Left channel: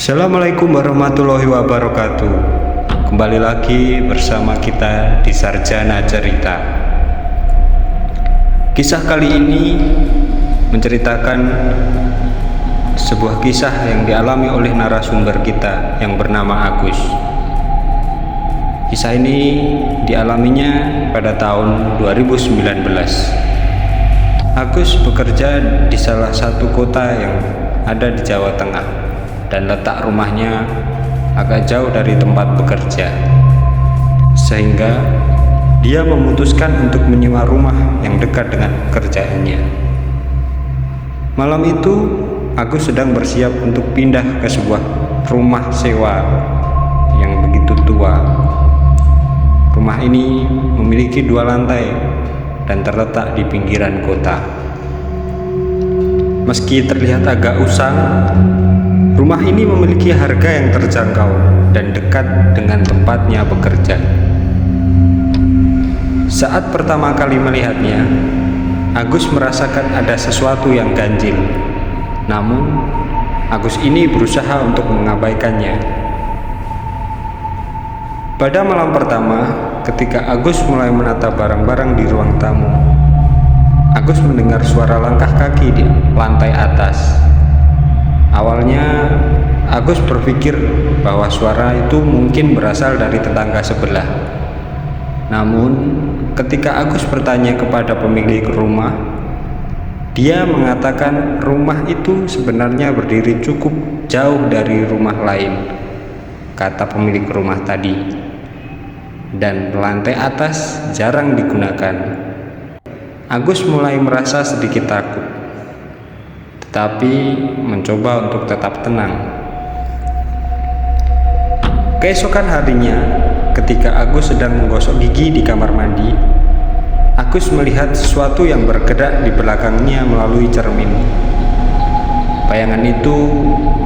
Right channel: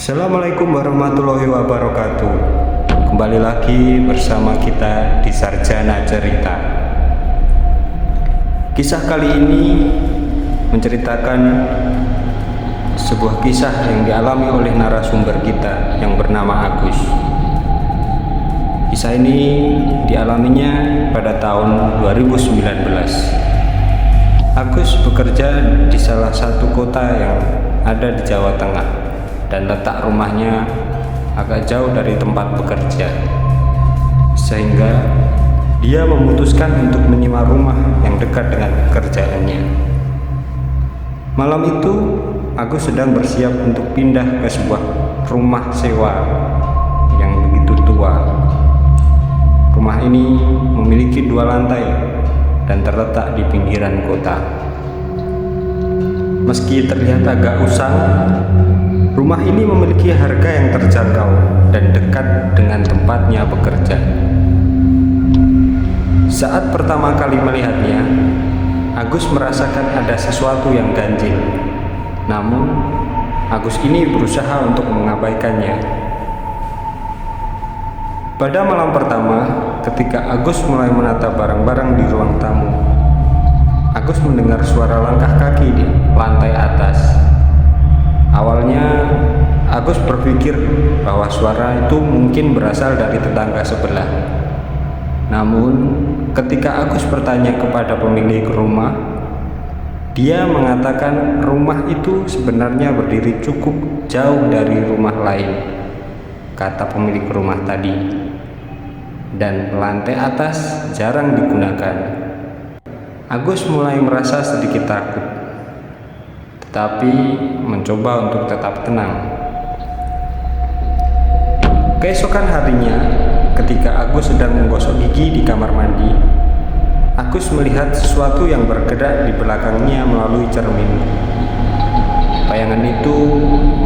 Assalamualaikum warahmatullahi wabarakatuh. Kembali lagi bersama kita di Sarjana Cerita. Kisah kali ini menceritakan sebuah kisah yang dialami oleh narasumber kita yang bernama Agus. Kisah ini dialaminya pada tahun 2019. Agus bekerja di salah satu kota yang ada di Jawa Tengah dan letak rumahnya agak jauh dari tempat bekerja, sehingga dia memutuskan untuk menyewa rumah yang dekat dengan pekerjaannya. Malam itu Agus sedang bersiap untuk pindah ke sebuah rumah sewa yang begitu tua. Rumah ini memiliki 2 lantai dan terletak di pinggiran kota. Meski terlihat agak usang, rumah ini memiliki harga yang terjangkau dan dekat dengan tempatnya bekerja. Saat pertama kali melihatnya, Agus merasakan ada sesuatu yang ganjil. Namun, Agus ini berusaha untuk mengabaikannya. Pada malam pertama, ketika Agus mulai menata barang-barang di ruang tamu, Agus mendengar suara langkah kaki di lantai atas. Awalnya, Agus berpikir bahwa suara itu mungkin berasal dari tetangga sebelah. Namun, ketika Agus bertanya kepada pemilik rumah, dia mengatakan rumah itu sebenarnya berdiri cukup jauh dari rumah lain, kata pemilik rumah tadi, dan lantai atas jarang digunakan. Agus mulai merasa sedikit takut, tetapi mencoba untuk tetap tenang. Keesokan harinya, ketika Agus sedang menggosok gigi di kamar mandi, Agus melihat sesuatu yang bergerak di belakangnya melalui cermin. Bayangan itu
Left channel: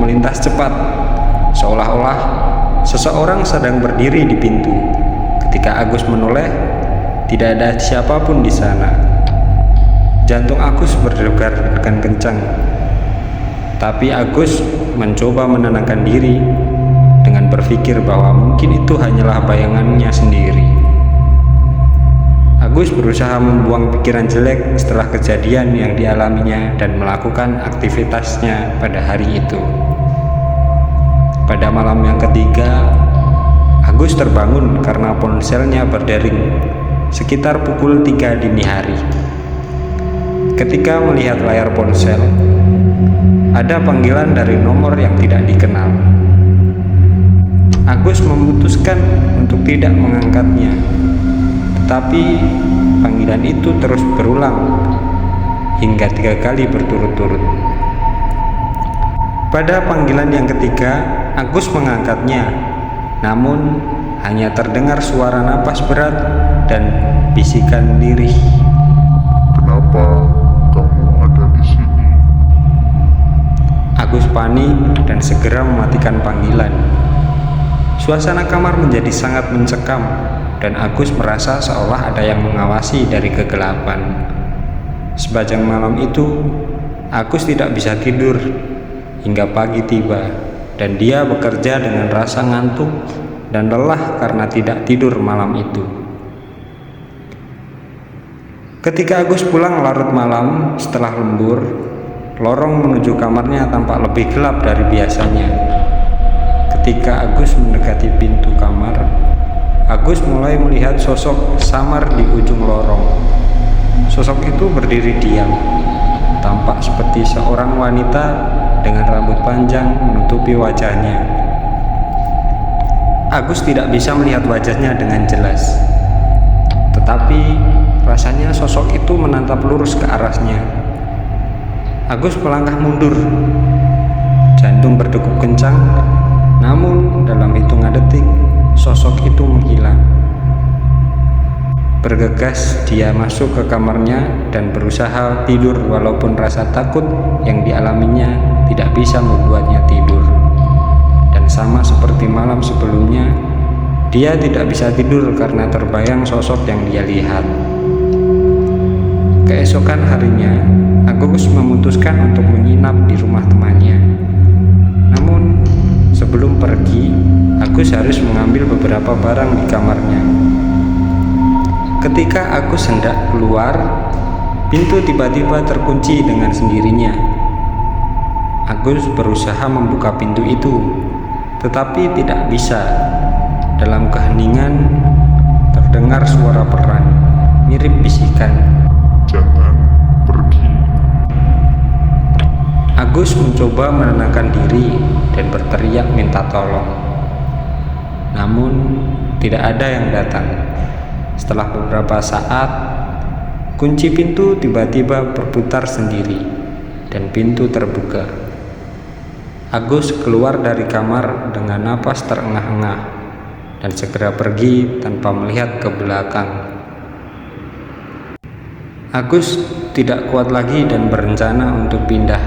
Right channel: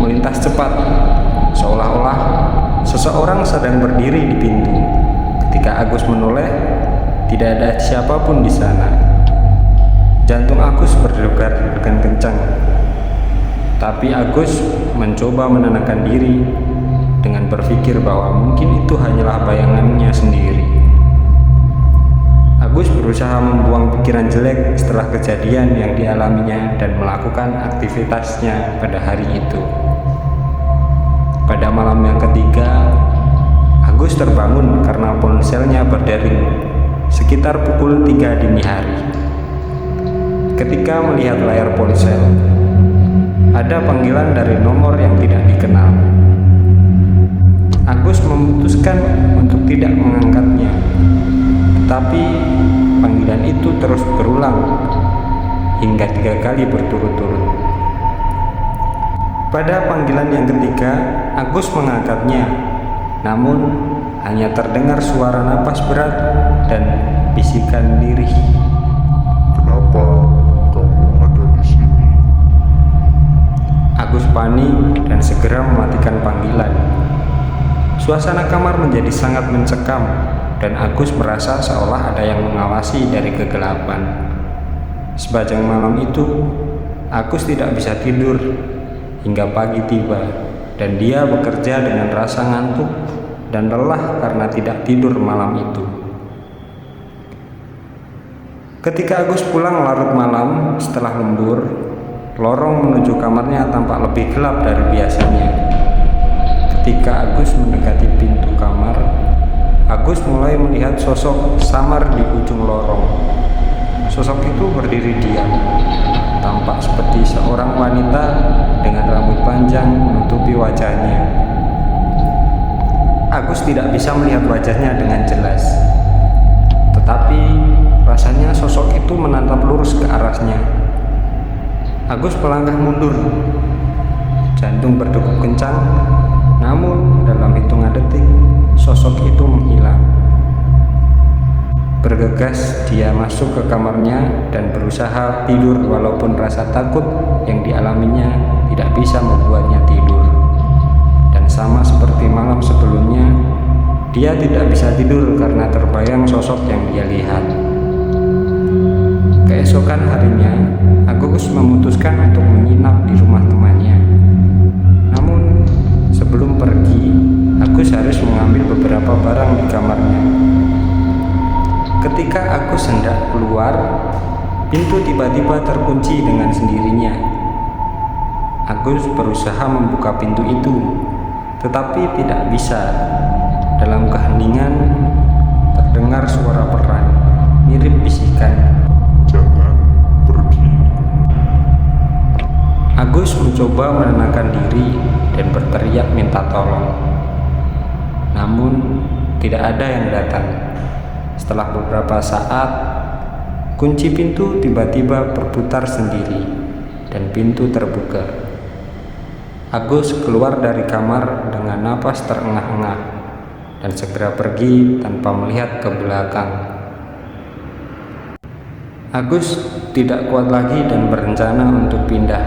melintas cepat, seolah-olah seseorang sedang berdiri di pintu. Ketika Agus menoleh, tidak ada siapapun di sana. Jantung Agus berdebar dengan kencang. Tapi Agus mencoba menenangkan diri dengan berpikir bahwa mungkin itu hanyalah bayangannya sendiri. Agus berusaha membuang pikiran jelek setelah kejadian yang dialaminya dan melakukan aktivitasnya pada hari itu. Pada malam yang ketiga, Agus terbangun karena ponselnya berdering sekitar pukul 3 dini hari. Ketika melihat layar ponsel, ada panggilan dari nomor yang tidak dikenal. Agus memutuskan untuk tidak mengangkatnya, tetapi panggilan itu terus berulang hingga 3 kali berturut-turut. Pada panggilan yang ketiga, Agus mengangkatnya, namun hanya terdengar suara napas berat dan bisikan lirih. Kenapa kamu ada di sini? Agus panik dan segera mematikan panggilan. Suasana kamar menjadi sangat mencekam dan Agus merasa seolah ada yang mengawasi dari kegelapan. Sepanjang malam itu, Agus tidak bisa tidur hingga pagi tiba dan dia bekerja dengan rasa ngantuk dan lelah karena tidak tidur malam itu. Ketika Agus pulang larut malam setelah lembur, lorong menuju kamarnya tampak lebih gelap dari biasanya. Ketika Agus mendekati pintu kamar, Agus mulai melihat sosok samar di ujung lorong. Sosok itu berdiri diam, tampak seperti seorang wanita dengan rambut panjang menutupi wajahnya. Agus tidak bisa melihat wajahnya dengan jelas, tetapi rasanya sosok itu menatap lurus ke arahnya. Agus melangkah mundur, jantung berdegup kencang. Namun dalam hitungan detik, sosok itu menghilang. Bergegas dia masuk ke kamarnya dan berusaha tidur walaupun rasa takut yang dialaminya tidak bisa membuatnya tidur. Dan sama seperti malam sebelumnya, dia tidak bisa tidur karena terbayang sosok yang dia lihat. Keesokan harinya, Agus memutuskan untuk menginap di rumah temannya. Namun sebelum pergi, Agus harus mengambil beberapa barang di kamarnya. Ketika Agus hendak keluar, pintu tiba-tiba terkunci dengan sendirinya. Agus berusaha membuka pintu itu, tetapi tidak bisa. Dalam keheningan, terdengar suara peran, mirip bisikan. Jangan pergi. Agus mencoba menenangkan diri dan berteriak minta tolong. Namun, tidak ada yang datang. Setelah beberapa saat, kunci pintu tiba-tiba berputar sendiri dan pintu terbuka. Agus keluar dari kamar dengan napas terengah-engah dan segera pergi tanpa melihat ke belakang. Agus tidak kuat lagi dan berencana untuk pindah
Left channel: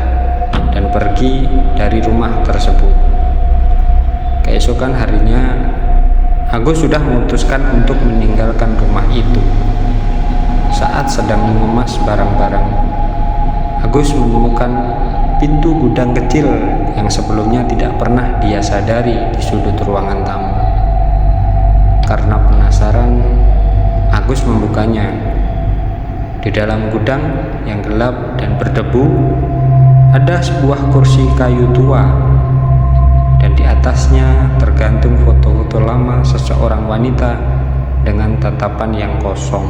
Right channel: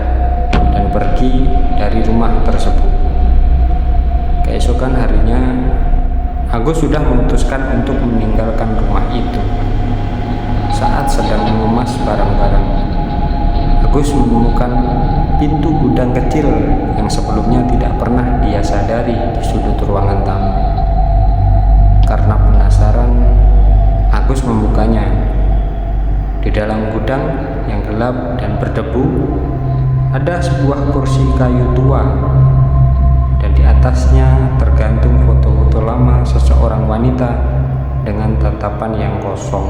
dan pergi dari rumah tersebut. Keesokan harinya, Agus sudah memutuskan untuk meninggalkan rumah itu. Saat sedang mengemas barang-barang, Agus menemukan pintu gudang kecil yang sebelumnya tidak pernah dia sadari di sudut ruangan tamu. Karena penasaran, Agus membukanya. Di dalam gudang yang gelap dan berdebu, ada sebuah kursi kayu tua, dan di atasnya tergantung foto-foto lama seseorang wanita dengan tatapan yang kosong.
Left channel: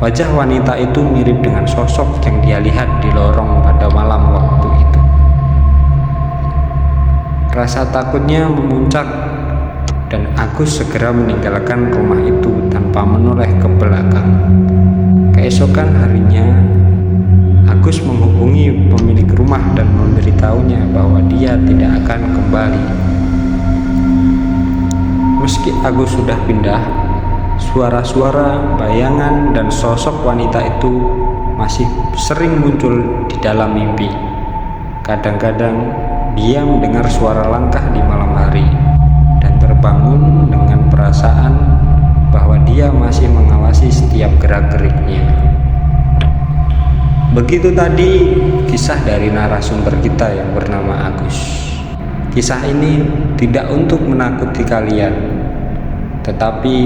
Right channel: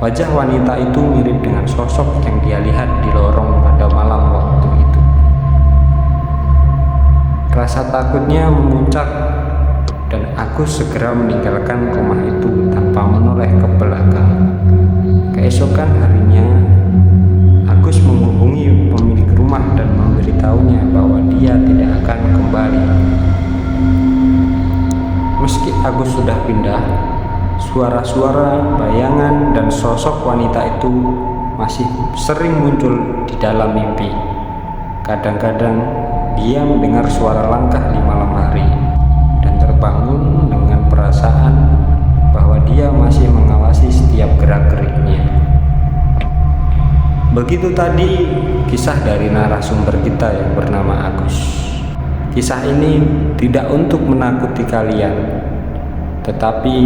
Wajah wanita itu mirip dengan sosok yang dia lihat di lorong pada malam waktu itu. Rasa takutnya memuncak dan Agus segera meninggalkan rumah itu tanpa menoleh ke belakang. Keesokan harinya, Agus menghubungi pemilik rumah dan memberitahunya bahwa dia tidak akan kembali. Meski Agus sudah pindah, suara-suara, bayangan, dan sosok wanita itu masih sering muncul di dalam mimpi. Kadang-kadang dia mendengar suara langkah di malam hari dan terbangun dengan perasaan bahwa dia masih mengawasi setiap gerak-geriknya. Begitu tadi kisah dari narasumber kita yang bernama Agus. Kisah ini tidak untuk menakuti kalian, tetapi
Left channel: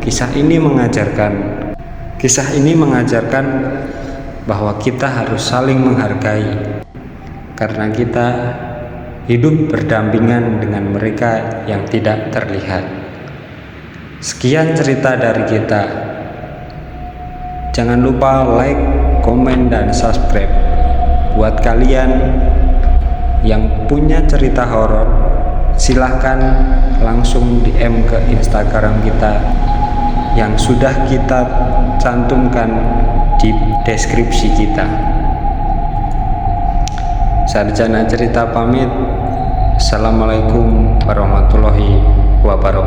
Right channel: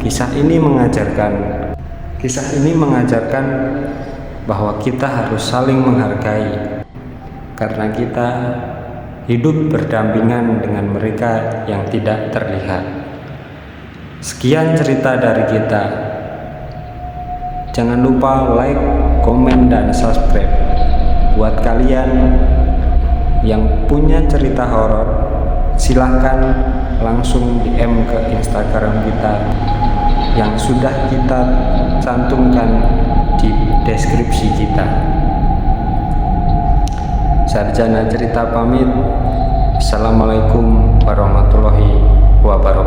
kisah ini mengajarkan bahwa kita harus saling menghargai, karena kita hidup berdampingan dengan mereka yang tidak terlihat. Sekian cerita dari kita. Jangan lupa like, komen, dan subscribe. Buat kalian yang punya cerita horor, silahkan langsung DM ke Instagram kita yang sudah kita cantumkan di deskripsi kita. Sarjana cerita pamit. Assalamualaikum warahmatullahi wabarakatuh.